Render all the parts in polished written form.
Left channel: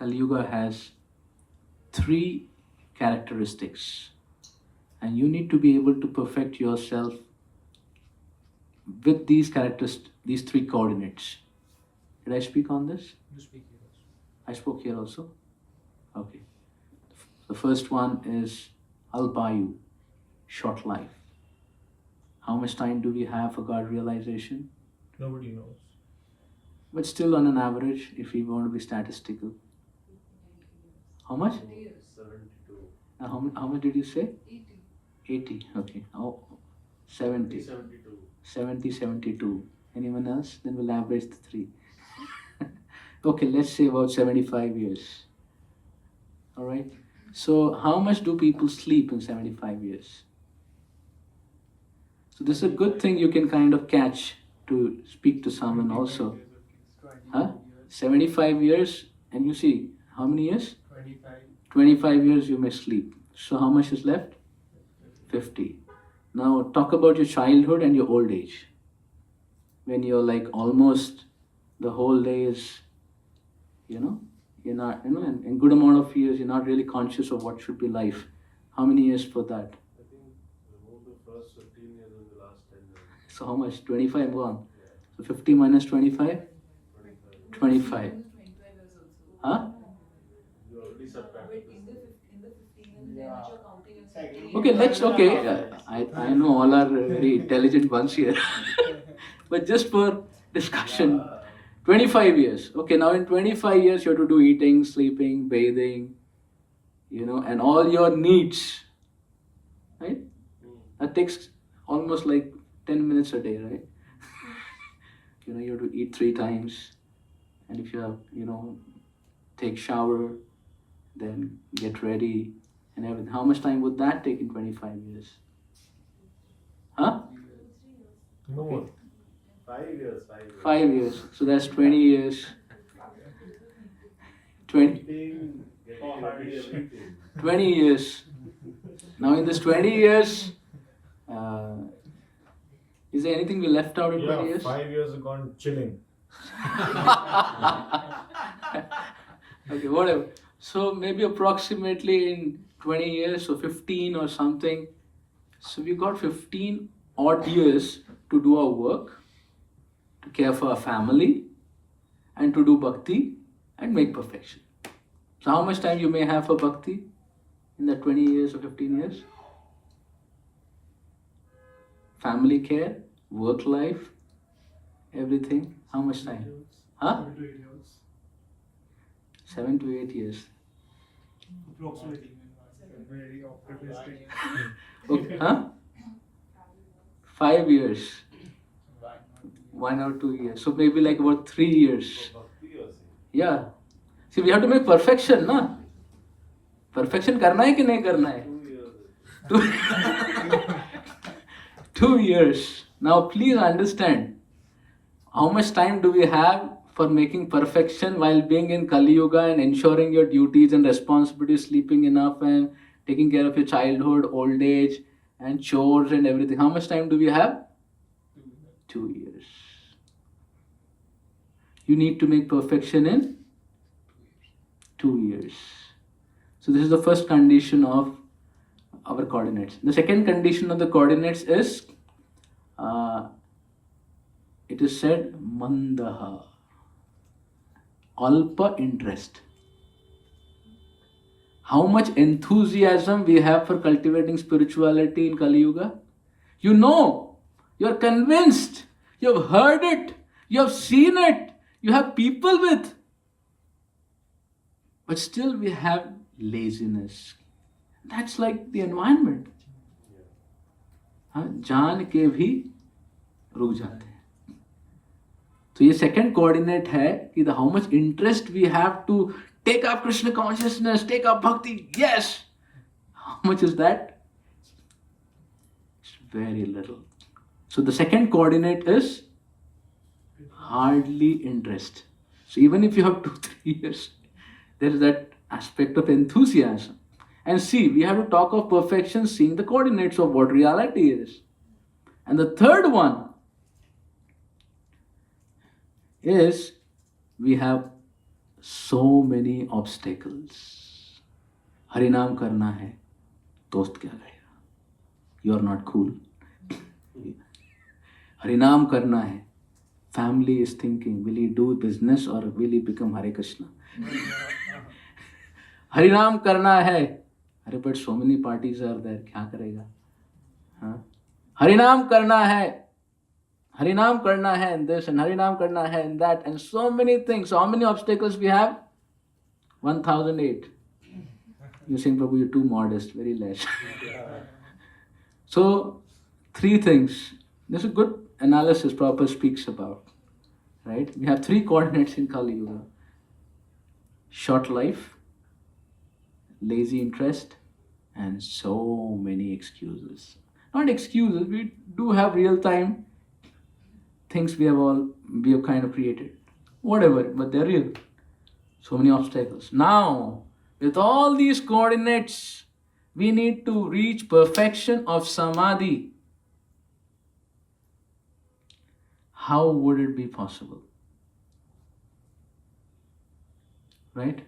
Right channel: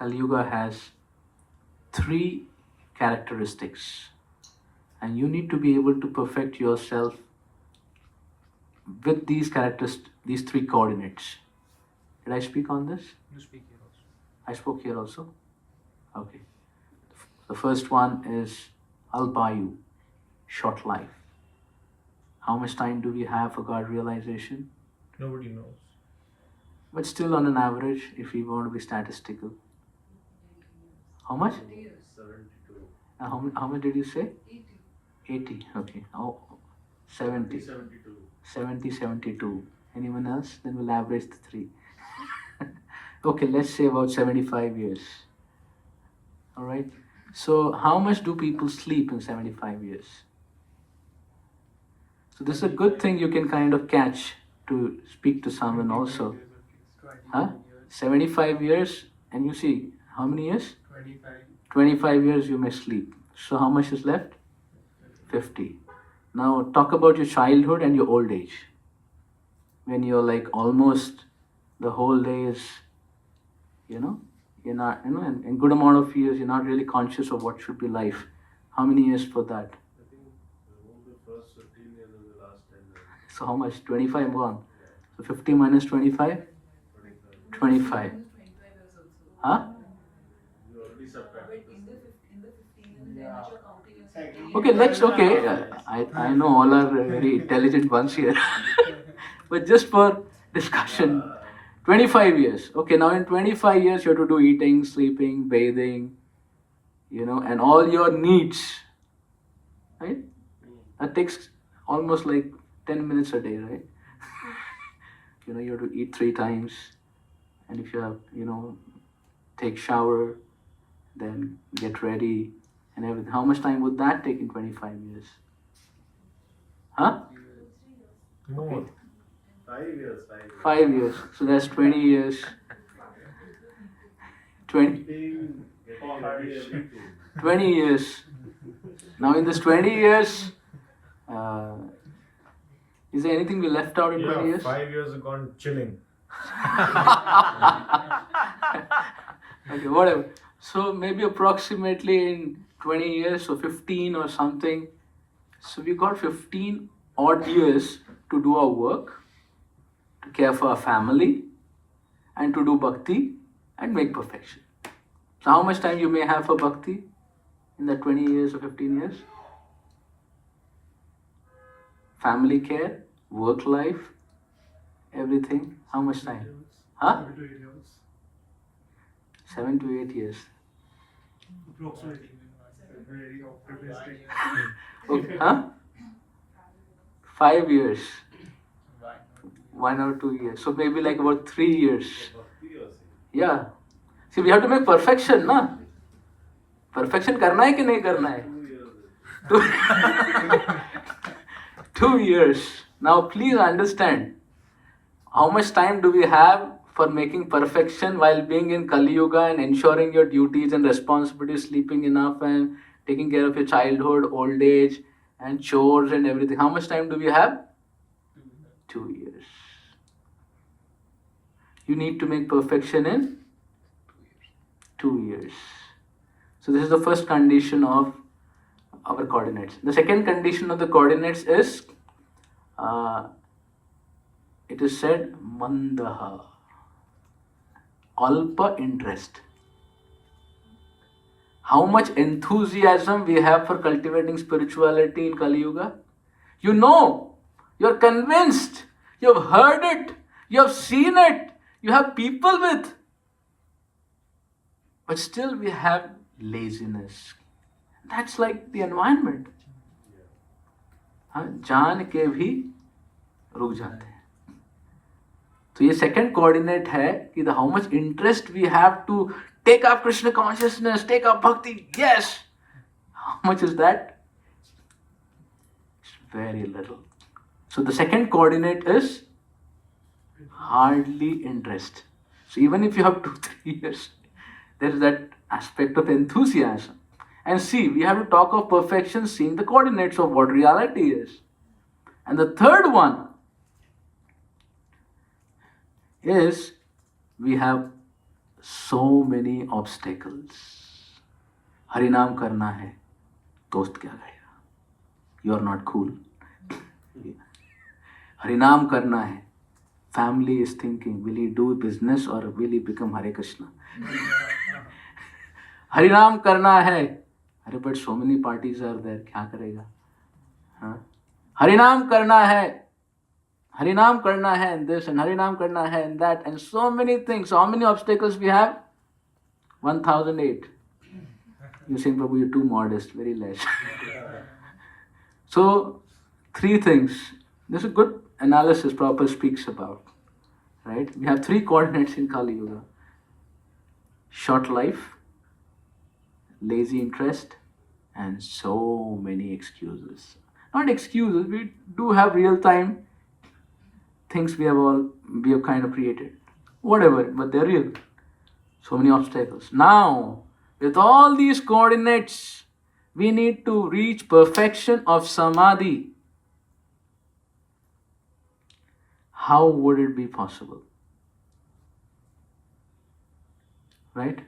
Kaliyuga has three characteristics, and you need to be able to perfect yourself with these characters, these three coordinates. Did I speak on this? You speak here also. I spoke here also? Okay. The first one is Alpayu, short life. How much time do we have for God realization? Nobody knows. But still, on an average, if we want to be statistical, how much? 72. How much did you say? 80. Okay. Oh, 70. 72. 70, 72. Anyone else? Then we'll average the three. Okay, let's say about 75 years. All right. So, how much do people sleep in 75 years? So, this is a good thing you can kind of catch to speak to someone also. Huh? 75 years, and you see, how many years? 25. 25 years you may sleep. So, how much is left? 50. Now, talk about your childhood and your old age. When you're like almost the whole day is, you're not, in good amount of years, you're not really conscious of what should be life. How many years for that? I think remove the first 15 years and the last 10 years. So, how much? 25 gone. So, 50 minus 25? 25. 25. Huh? You already subtracted this. Okay, I know all are very intelligent ones here. But just for discussion, 25 years. Okay, now in 25 years you have to do eating, sleeping, bathing, and all your needs. Right? That takes almost like 10 minutes a day, right? You have to eat 3 times. And if you have, take shower, then get ready and everything. How much time would that take in 25 years? Huh? More. 5 years. 5 years. So that's 20 years. 20, Getting ready, everything. 20 years. Now in this 20 years, is there anything we left out in 20 years? 5 years are gone chilling. Okay, whatever. So maybe approximately in 20 years, so 15 or something. So we got 15 odd years to do our work, to care for our family, and to do bhakti and make perfection. So how much time you may have for bhakti in that 20 years or 15 years? Family care, work life, everything. How much time? Huh? 7 to 8 years. Approximately. Very optimistic. Okay, huh? 5 years. 1 or 2 years. So maybe like about 3 years. Bhakti or sin? Yeah. See, we have to make perfection, na? Perfection करना है कि नहीं करना है? 2 years. 2 years. Now please understand, how much time do we have for making perfection while being in Kaliyuga and ensuring your duties and responsibilities, sleeping enough and taking care of your childhood, old age and chores and everything? How much time do we have? 2 years. You need to make perfection in 2 years. So this is the first condition of our coordinates. The second condition of the coordinates is, it is said, mandaha, alpa interest. How much enthusiasm we have for cultivating spirituality in Kali Yuga? You're convinced, you've heard it, you have seen it, you have people with. But still we have laziness. That's like the environment. जान के भी रुक जाते हैं. तो ये second coordinate है कि the how much interest we have to take up Krishna consciousness, take up bhakti. Yes. How much is that? It's very little. So the second coordinate is hardly interest. So even if you have 2-3 years, there is that aspect of enthusiasm. And see, we have to talk of perfection, seeing the coordinates of what reality is. And the third one is we have So many obstacles. Harinam karna hai, dost kya kahega? You are not cool. Harinam karna hai. Family is thinking, will he do business or will he become Hare Krishna? Harinam karna hai. Arey, but so many parties are there. Kya karega? Huh? Harinam karna hai. Harinam karna hai and this and Harinam karna hai and that and so many things. So how many obstacles we have? 1008. You're saying, Prabhu, you're too modest, very less. So, three things. This is a good analysis Prabhupada speaks about. Right? We have three coordinates in Kaliyuga. Short life, lazy interest, and so many excuses. Not excuses, we do have real time things we have kind of created. Whatever, but they're real. So many obstacles. Now, with all these coordinates, we need to reach perfection of samadhi. How would it be possible? Right?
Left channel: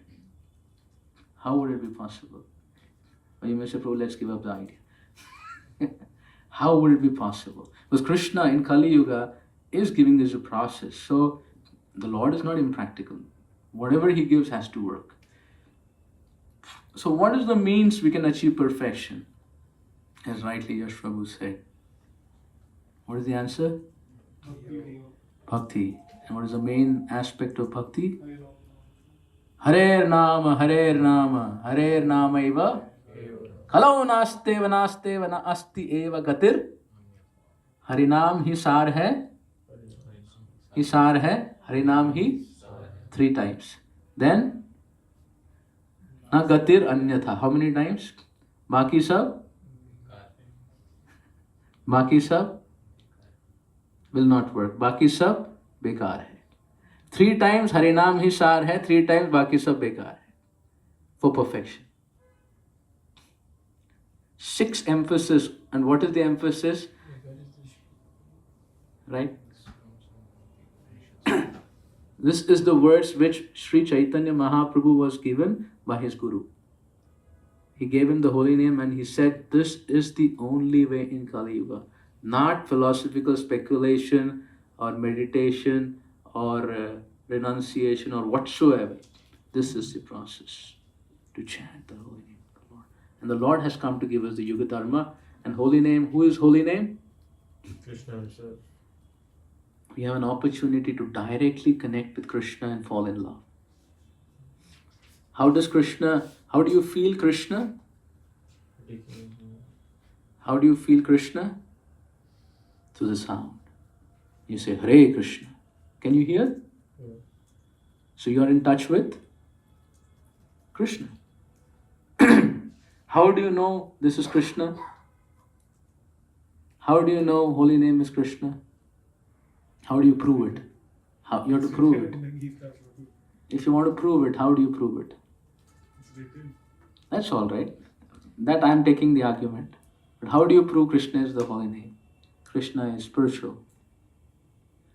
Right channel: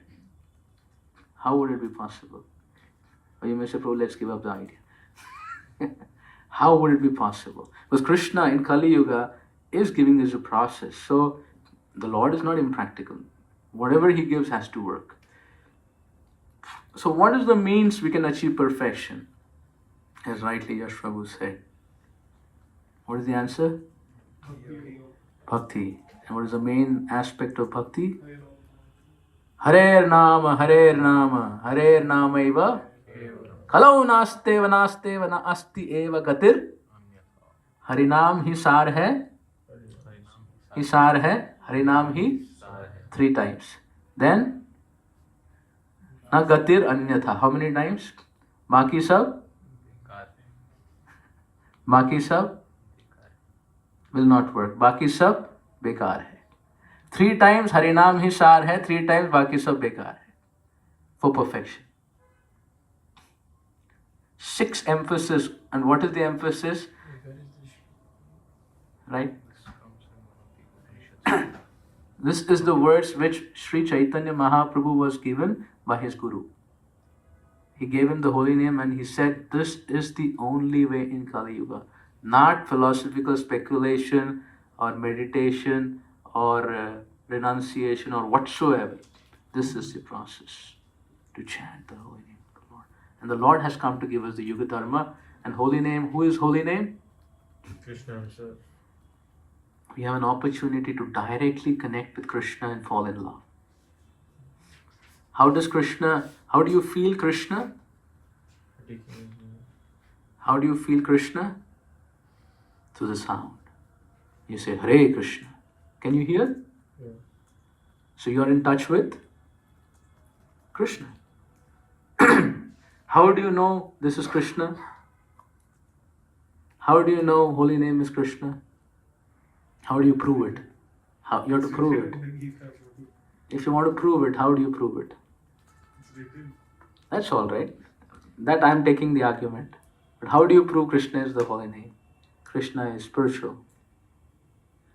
How would it be possible? Or you may say, Prabhu, let's give up the idea. How would it be possible? Because Krishna in Kali Yuga is giving us a process. So the Lord is not impractical. Whatever He gives has to work. So what is the means we can achieve perfection? As rightly Yash Prabhu said. What is the answer? Bhakti. And what is the main aspect of bhakti? Harer Nama, Harer Nama, Harer Nama eva. Kalau naste vana asti eva gatir. Harinam hi sar hai. Hi sar hai. Harinam hi 3 times. Then na gatir anyatha. How many times? Baki sab will not work. Baki sab bekar hai. 3 times Harinam hi sar hai, 3 times baki sab bekar hai. For perfection. 6 emphasis. And what is the emphasis? Right? This is the words which Sri Chaitanya Mahaprabhu was given by his Guru. He gave him the holy name and he said, this is the only way in Kali Yuga. Not philosophical speculation or meditation or renunciation or whatsoever. This is the process to chant the holy name of the Lord. And the Lord has come to give us the Yuga Dharma and holy name. Who is holy name? Krishna himself. We have an opportunity to directly connect with Krishna and fall in love. How do you feel Krishna? How do you feel Krishna? Through the sound. You say, Hare Krishna. Can you hear? Yeah. So you are in touch with Krishna. How do you know this is Krishna? How do you know holy name is Krishna? How do you prove it? You have to prove it. If you want to prove it, how do you prove it? It's written. That's all right. That I am taking the argument. But how do you prove Krishna is the holy name? Krishna is spiritual.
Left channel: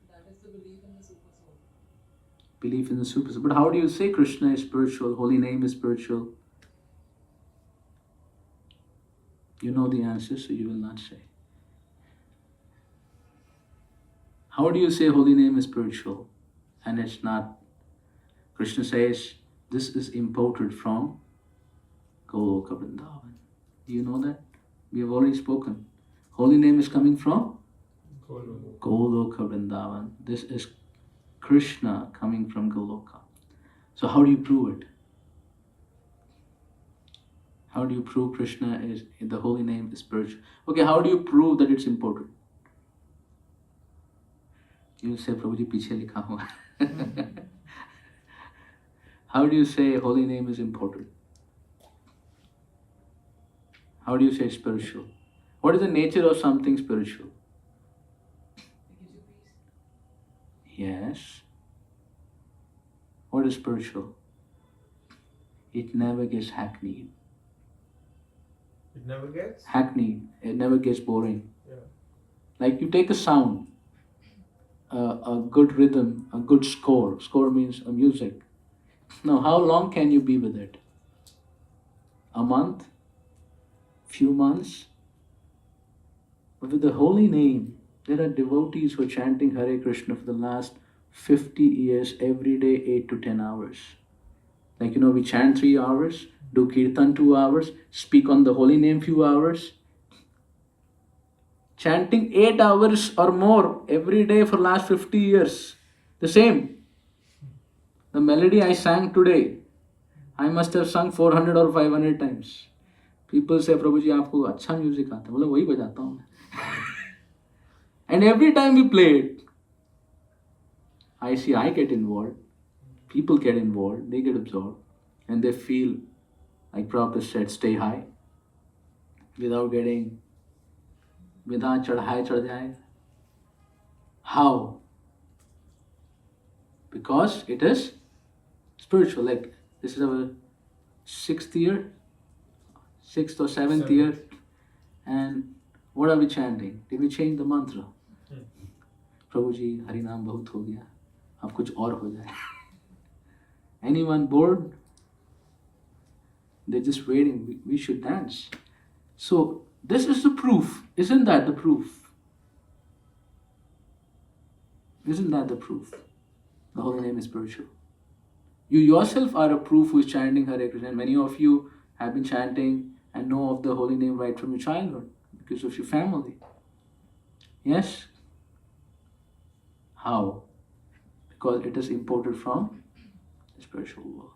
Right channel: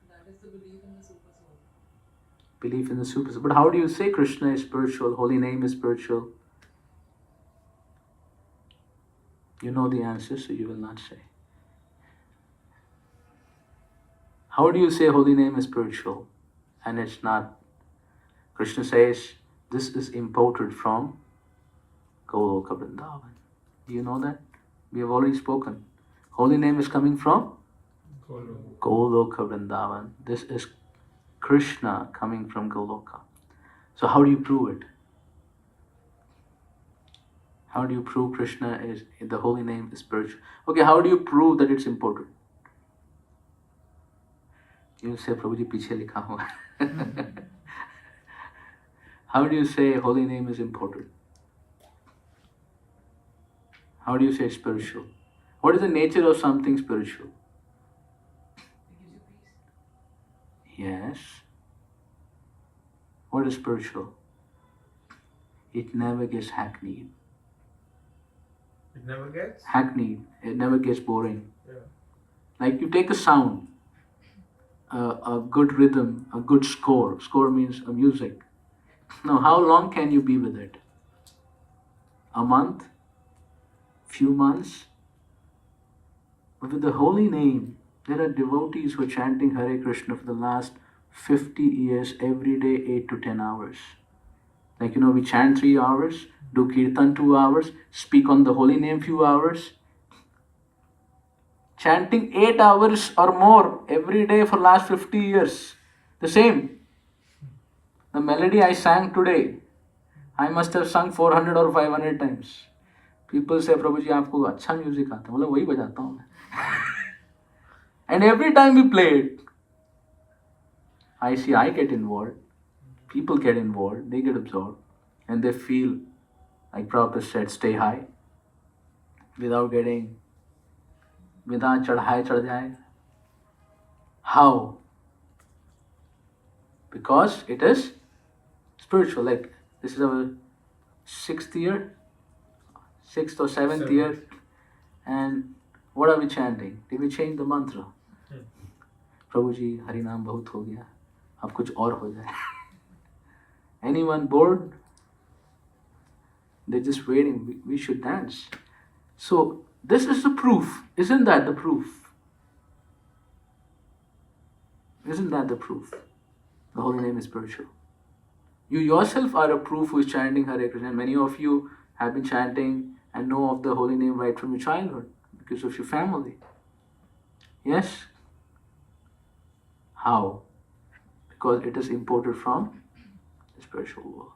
That is the belief in the super soul. Belief in the super soul. But how do you say Krishna is spiritual, holy name is spiritual? You know the answer, so you will not say. How do you say holy name is spiritual and it's not? Krishna says this is imported from Goloka Vrindavan. Do you know that? We have already spoken. Holy name is coming from Goloka Vrindavan. This is Krishna coming from Goloka. So how do you prove it? How do you prove Krishna is, the holy name is spiritual? Okay, how do you prove that it's imported? You say, Prabhuji, piche likha hua. How do you say holy name is imported? How do you say spiritual? What is the nature of something spiritual? It gives you peace. Yes. What is spiritual? It never gets hackneyed. It never gets? Hackneyed. It never gets boring. Yeah. Like you take a sound, a good rhythm, a good score. Score means a music. Now, how long can you be with it? A month? Few months? But with the holy name, there are devotees who are chanting Hare Krishna for the last 50 years, every day, 8 to 10 hours. Like, we chant 3 hours, do kirtan 2 hours, speak on the holy name few hours. Chanting 8 hours or more every day for last 50 years. The same. The melody I sang today, I must have sung 400 or 500 times. People say, Prabhu ji, आपको अच्छा music आता है. बोला वही बजाता हूँ मैं. And every time we play it, I get involved. People get involved. They get absorbed. And they feel, like Prabhupada said, stay high. Without chadhaye chad jaye. How? Because it is spiritual. Like, this is our 6th or 7th year. And what are we chanting? Did we change the mantra? प्रभु जी हरि नाम बहुत हो गया, अब कुछ और हो जाए. Anyone bored? They're just waiting. We should dance. So this is the proof. Isn't that the proof? Isn't that the proof? The holy name is spiritual. You yourself are a proof who is chanting Hare Krishna. Many of you have been chanting and know of the holy name right from your childhood because of your family. Yes? How? Because it is imported from the spiritual world.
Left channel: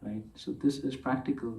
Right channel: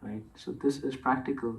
Right? So this is practical.